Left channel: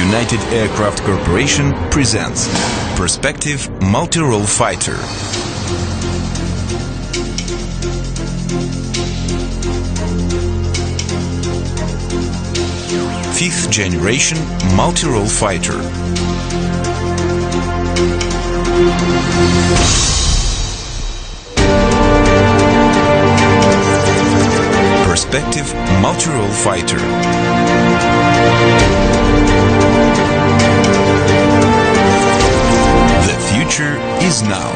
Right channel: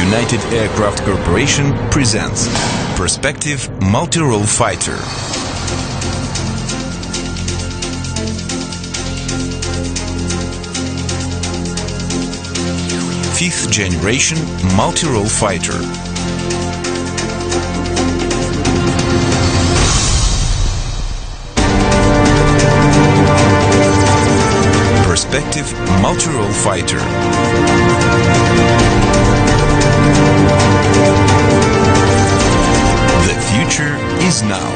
United Aircraft Corporation presents Perspective Multi-Role Fighter. Fifth generation multi-role fighter. Perspective multi-role fighter. The future is now.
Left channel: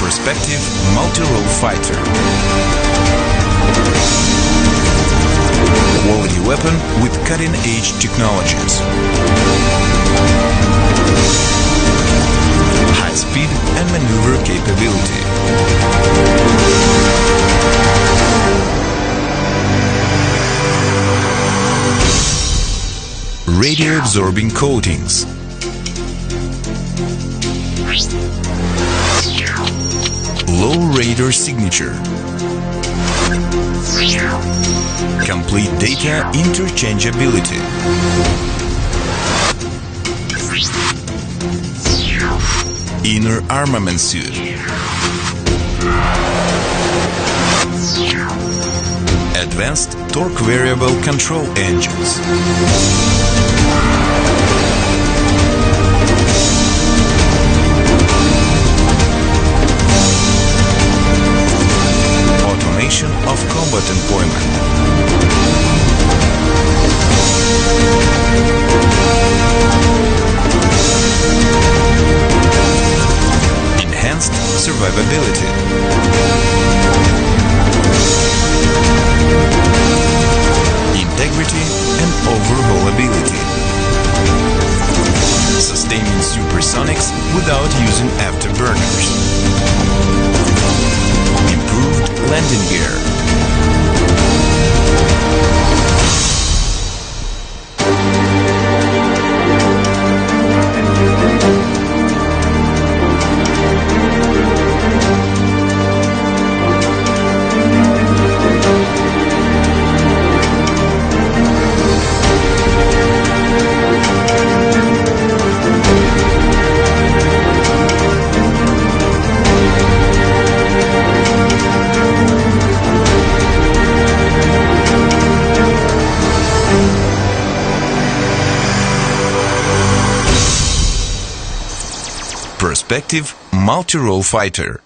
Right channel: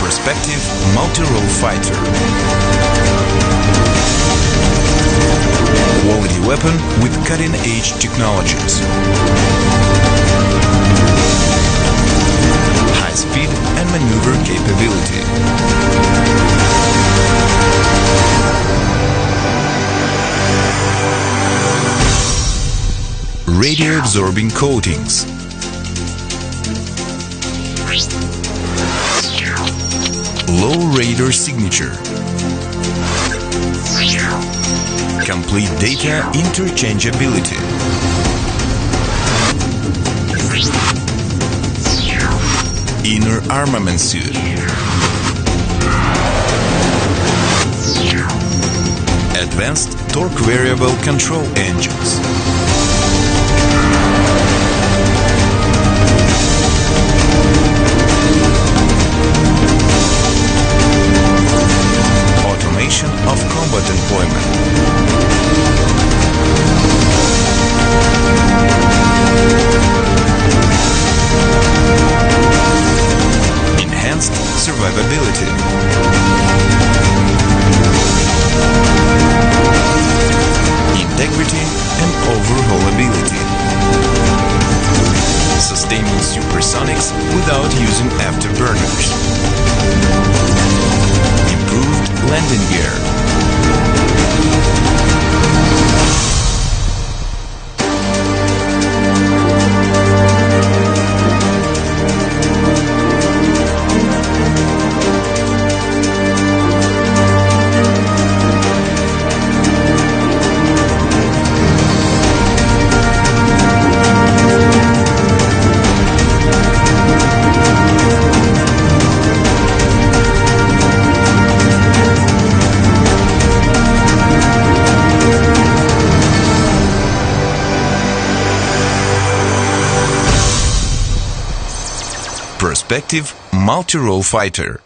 Perspective multi-role fighter. Quality weapon with cutting-edge technologies. High speed and maneuver capability. Radio-absorbing coatings. Low radar signature. Complete data interchangeability. Inner armament suit. Advanced torque variable control engines. Automation of combat employment. Enhanced survivability. Integrity and overhaulability. Sustaining supersonics without using afterburners. Improved landing gear. Perspective multi-role fighter.